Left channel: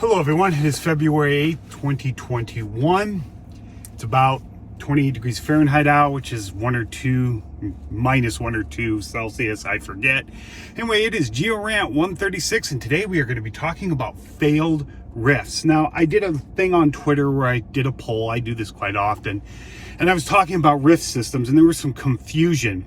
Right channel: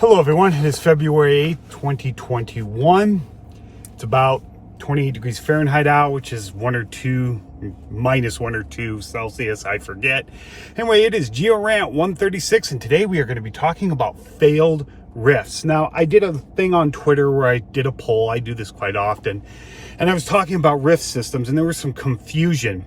Hello everyone, it is February 8th, 2021. It's about 28 degrees Fahrenheit out, which is minus 1 or 2 Celsius, I forget. Anyway, it is Geo-Rant 136, and today we are going to be talking about failed rifts. Now, I did a thing on Twitter where I did a poll. I do this quite often. And I was talking about rift systems, and there was some confusion.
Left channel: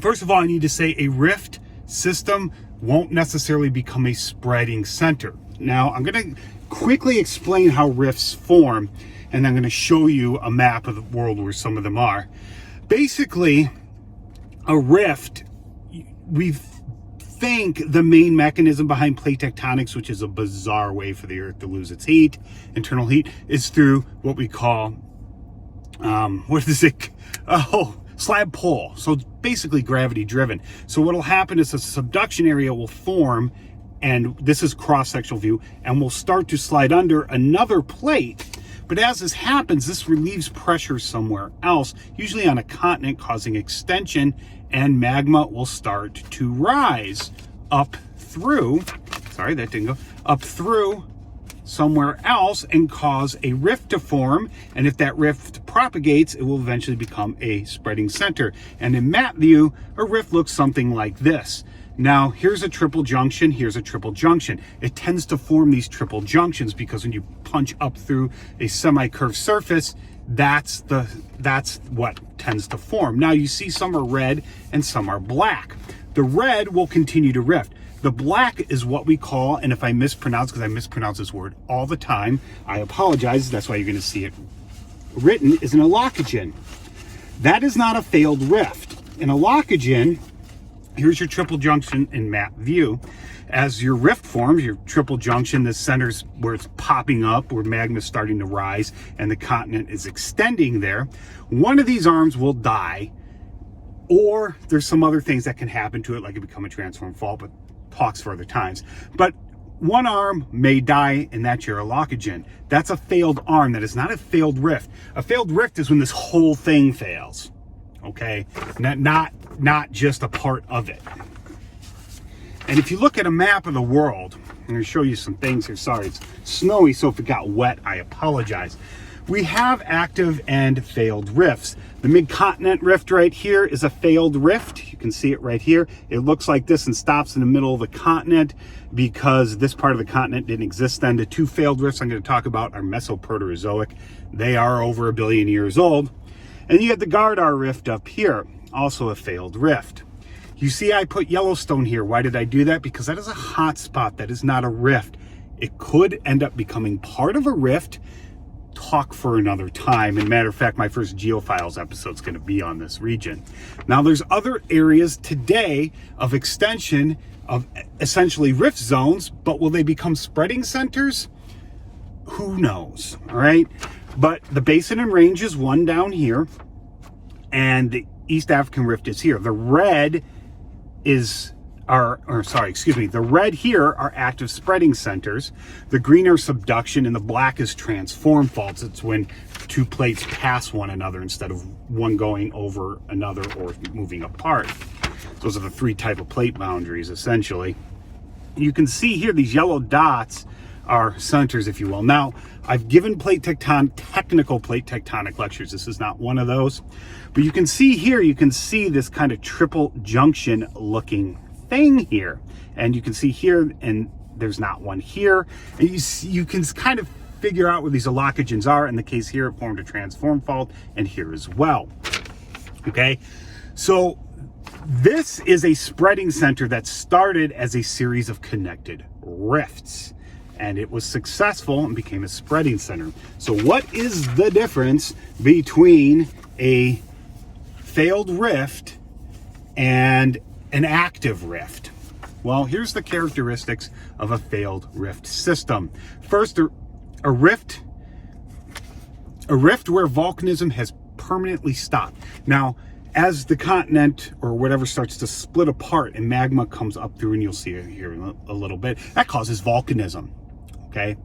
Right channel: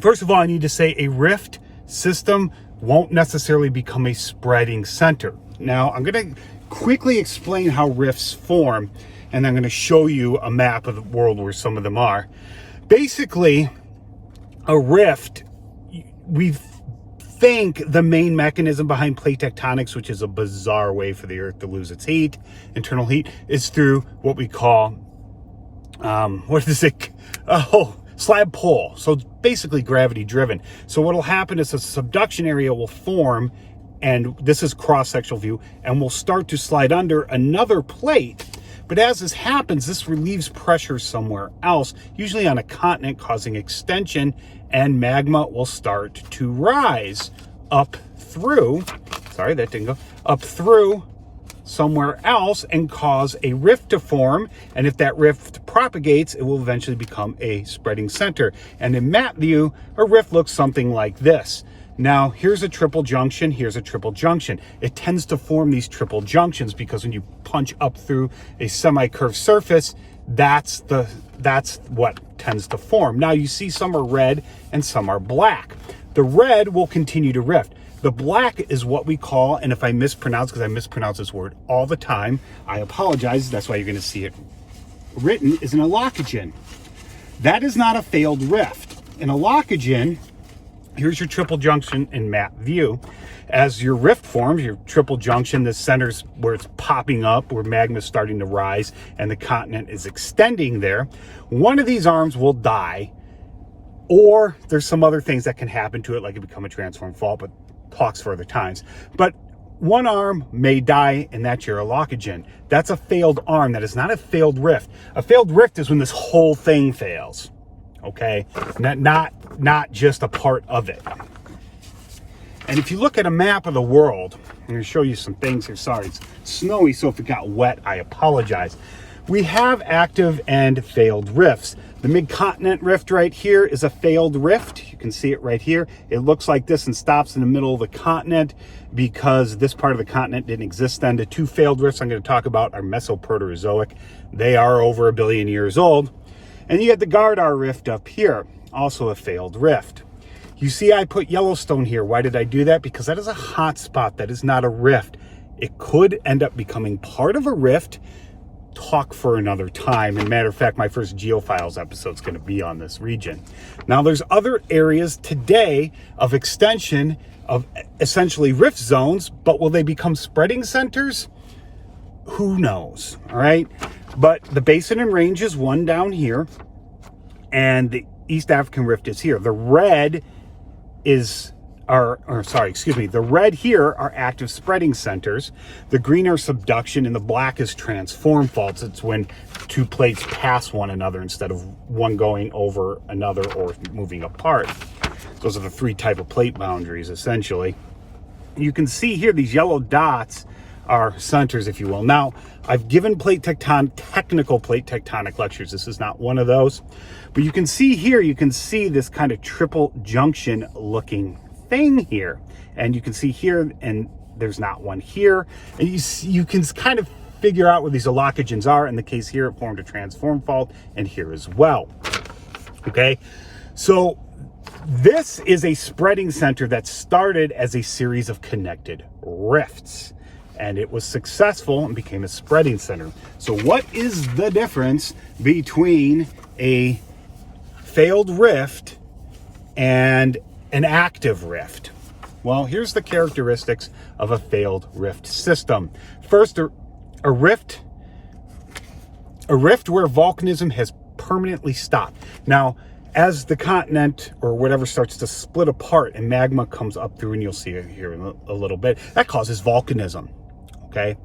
First of all, I need to say a rift system won't necessarily become a spreading center. Now, I'm going to quickly explain how rifts form, and I'm going to show you a map of the world where some of them are. Basically, a rift, we think the main mechanism behind plate tectonics, which is a bizarre way for the Earth to lose its heat, internal heat, is through what we call, slab pull. So basically gravity driven. So what will happen is a subduction area will form, and this is cross-sectional view, and we'll start to slide under another plate. But as this happens, this relieves pressure somewhere else, usually on a continent, causing extension, and magma will start to rise up through, up through somewhere else and cause a rift to form. And if that rift propagates, it will eventually become a spreading center. And in map view, a rift looks something like this. Now, here's a triple junction, here's a triple junction. It tends to form these triple junctions because when you punch up through a semi-curved surface, that's what tends to form. Now, you see some are red and some are black. The red will continue to rift. The black is what we call, and if I mispronounce, because I mispronounce this word all the time, I apologize, that's why you're going to see it written, is an allocogen. That is not a failed rift. An allocogen, here's your triple junction in map view. As your rift forms, your triple junction, the center's where it's popping up, where magma is starting to rise, and the continent is extending there. One of these arms will die, or there's some other things that can happen to it, like it become a transform fault, but talks for other times. But one arm may die, and that's your allocogen. That's a failed arm. That is not a failed rift. A failed rift is when this whole thing fails. Okay, not just a part of it. And if you look at a map of the world, I'm going to show you some things here. Sorry, it's snowy, so if it got wet, I apologize. We have active and failed rifts. The mid-continent rift right here is a failed rift. You can see it right here. It looks like this and stops in the middle of the continent because this part of the continent didn't exist then. The two failed rifts I'm going to talk about are Mesoproterozoic. They are over 1 billion years old. And you get the Gardar rift up here, also a failed rift. You see I put Yellowstone here. Why did I do that? Because that is a hot spot. That is not a rift. It could end up becoming part of a rift. Talk for another time. And matter of fact, my first Geophiles episode is going to be on this region. Now, there's other areas today of extension of essentially rift zones, but will they become spreading centers? Who knows? All right. But the Basin and Range is one down here, and the East African Rift is here. The red the red here are active spreading centers. The green are subduction, and the black is transform faults. It's when two plates pass one another instead of one going over another or moving apart. Those are the three type of plate boundaries, essentially. You can see here these yellow dots are centers, if you will. Now, I've given technical plate tectonic lectures. This is not one of those. But you can see here, you can see this kind of triple junction looking thing here. And you can see here, and there's not one here. And you can kind of figure out where these allocogens are. In the case here, it formed a transform fault, and here as well. Okay, so this is a spreading center that started as a series of connected rifts. And it was successful and became a spreading center. So what is the difference between a failed rift and an active rift? Well, here's the characteristics of a failed rift system. First, a rift where volcanism has permanently stopped. Now, as the continent or whatever starts to split apart and magma comes up through, and you'll see it here in a little bit, that causes volcanism. Okay,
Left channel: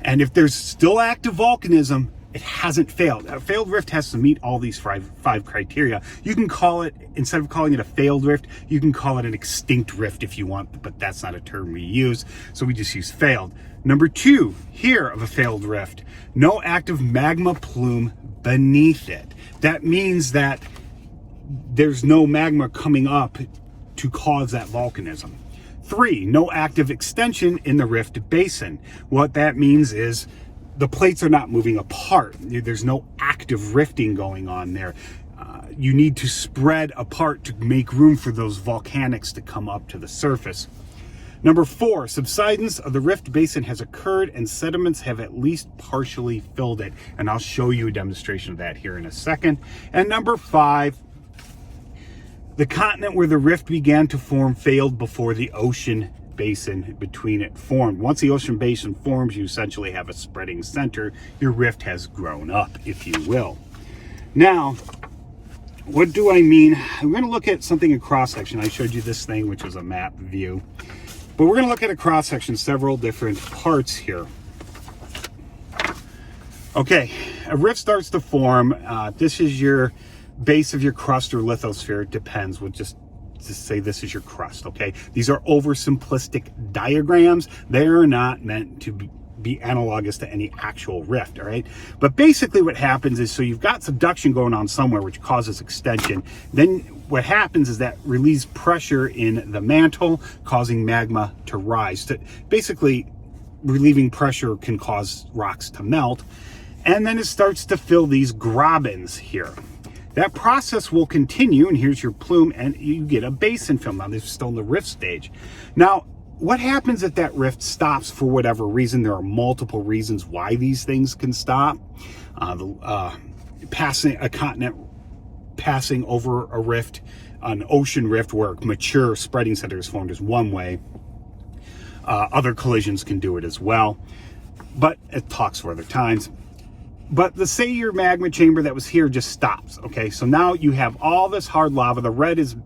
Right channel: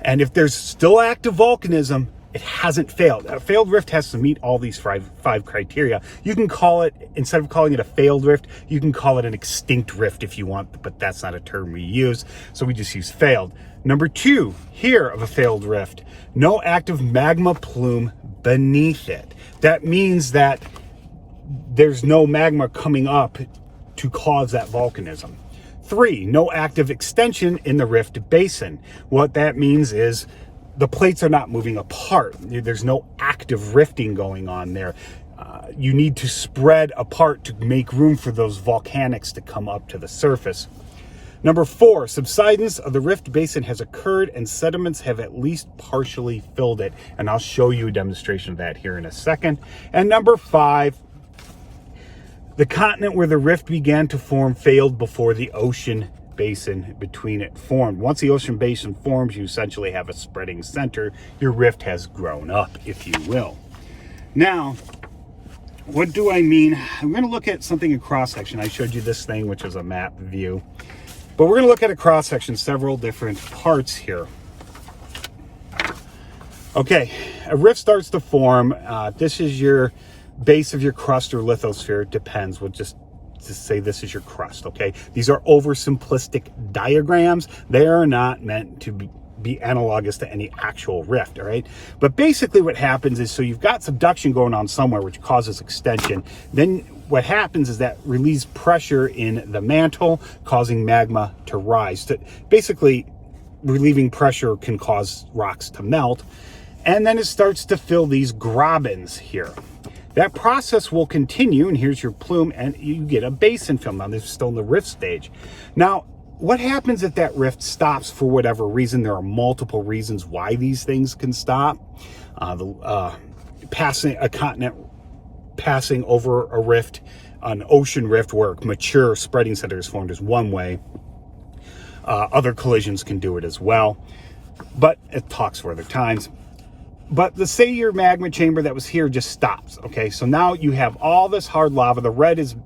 and if there's still active volcanism, it hasn't failed. A failed rift has to meet all these five criteria. You can call it, instead of calling it a failed rift, you can call it an extinct rift if you want, but that's not a term we use, so we just use failed. Number 2 here of a failed rift, no active magma plume beneath it. That means that there's no magma coming up to cause that volcanism. 3, no active extension in the rift basin. What that means is the plates are not moving apart. There's no active rifting going on there. You need to spread apart to make room for those volcanics to come up to the surface. Number 4, subsidence of the rift basin has occurred and sediments have at least partially filled it. And I'll show you a demonstration of that here in a second. And number 5, the continent where the rift began to form failed before the ocean basin between it formed. Once the ocean basin forms, you essentially have a spreading center. Your rift has grown up, if you will. Now, what do I mean? I'm going to look at something in cross-section. I showed you this thing, which is a map view. But we're going to look at a cross-section, several different parts here. Okay, a rift starts to form. This is your base of your crust or lithosphere. It depends. We'll just say this is your crust, okay? These are oversimplistic diagrams. They are not meant to be analogous to any actual rift, all right? But basically what happens is, so you've got subduction going on somewhere, which causes extension. Then what happens is that relieves pressure in the mantle, causing magma to rise. Basically, relieving pressure can cause rocks to melt. And then it starts to fill these grabens here. That process will continue, and here's your plume, and you get a basin film. Now, this is still in the rift stage. Now, what happens if that rift stops for whatever reason? There are multiple reasons why these things can stop. Passing a continent, passing over a rift, an ocean rift where a mature spreading center is formed is one way. Other collisions can do it as well, but it talks for other times. But let's say your magma chamber that was here just stops, okay? So now you have all this hard lava. The red is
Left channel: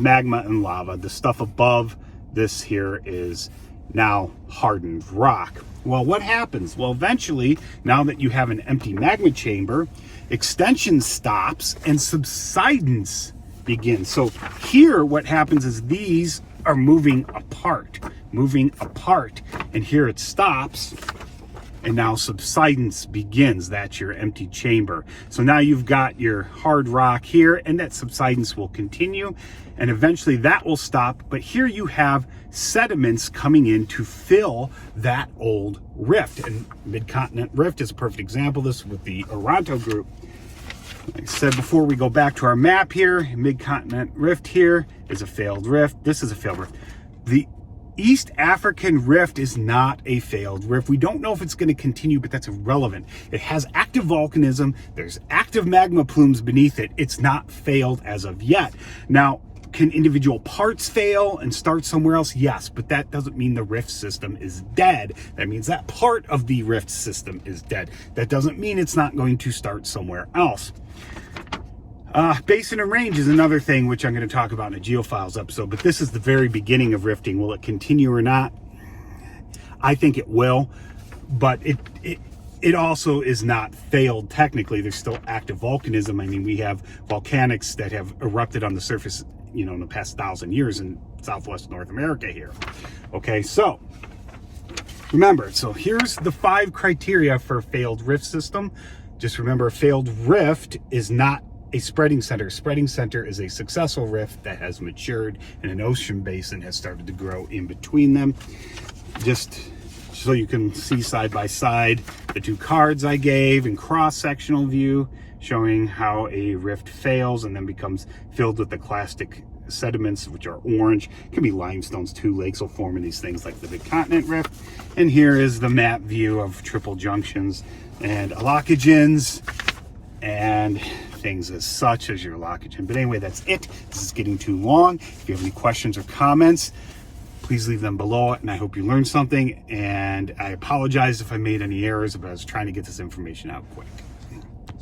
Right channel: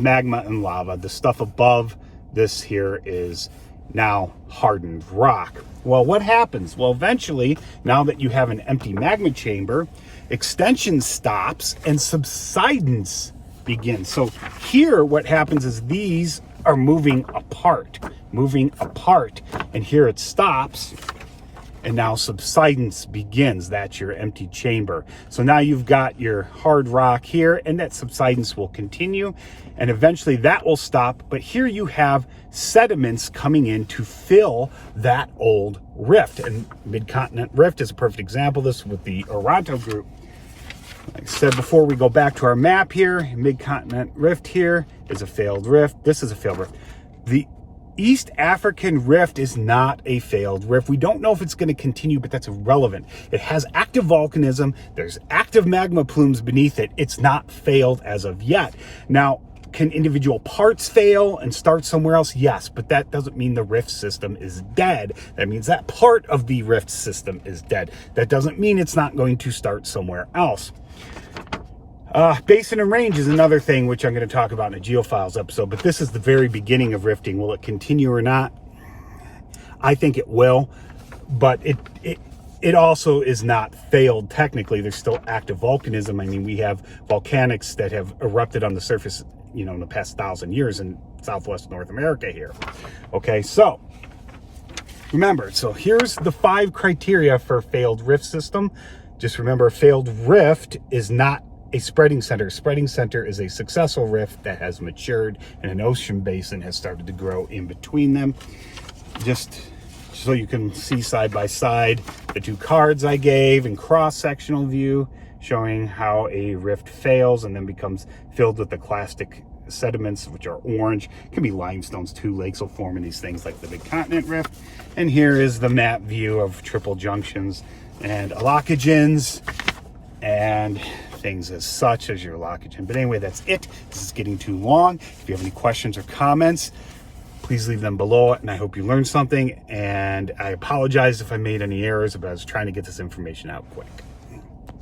magma and lava. The stuff above this here is now hardened rock. Well, what happens? Well, eventually, now that you have an empty magma chamber, extension stops and subsidence begins. So here what happens is these are moving apart, and here it stops. And now subsidence begins. That's your empty chamber. So now you've got your hard rock here, and that subsidence will continue, and eventually that will stop. But here you have sediments coming in to fill that old rift. And Mid-Continent Rift is a perfect example of this with the Geo-Rant group. Like I said before, we go back to our map here. Mid-Continent Rift here is a failed rift. This is a failed rift. The East African Rift is not a failed rift. We don't know if it's going to continue, but that's irrelevant. It has active volcanism. There's active magma plumes beneath it. It's not failed as of yet. Now, can individual parts fail and start somewhere else? Yes, but that doesn't mean the rift system is dead. That means that part of the rift system is dead. That doesn't mean it's not going to start somewhere else. Basin and range is another thing which I'm going to talk about in a Geophiles episode, but this is the very beginning of rifting. Will it continue or not? I think it will, but it also is not failed technically. There's still active volcanism. I mean, we have volcanics that have erupted on the surface, you know, in the past 1,000 years in Southwest North America here. Okay, so remember, so here's the 5 criteria for a failed rift system. Just remember, a failed rift is not a spreading center. Spreading center is a successful rift that has matured and an ocean basin has started to grow in between them. Just so you can see side by side the 2 cards I gave in cross-sectional view showing how a rift fails and then becomes filled with the clastic sediments, which are orange. It can be limestones too. Lakes will form in these things like the Mid-Continent Rift. And here is the map view of triple junctions and allocogens and things as such as your allocogen. But anyway, that's it. This is getting too long. If you have any questions or comments, please leave them below, and I hope you learned something. And I apologize if I made any errors, but I was trying to get this information out quick.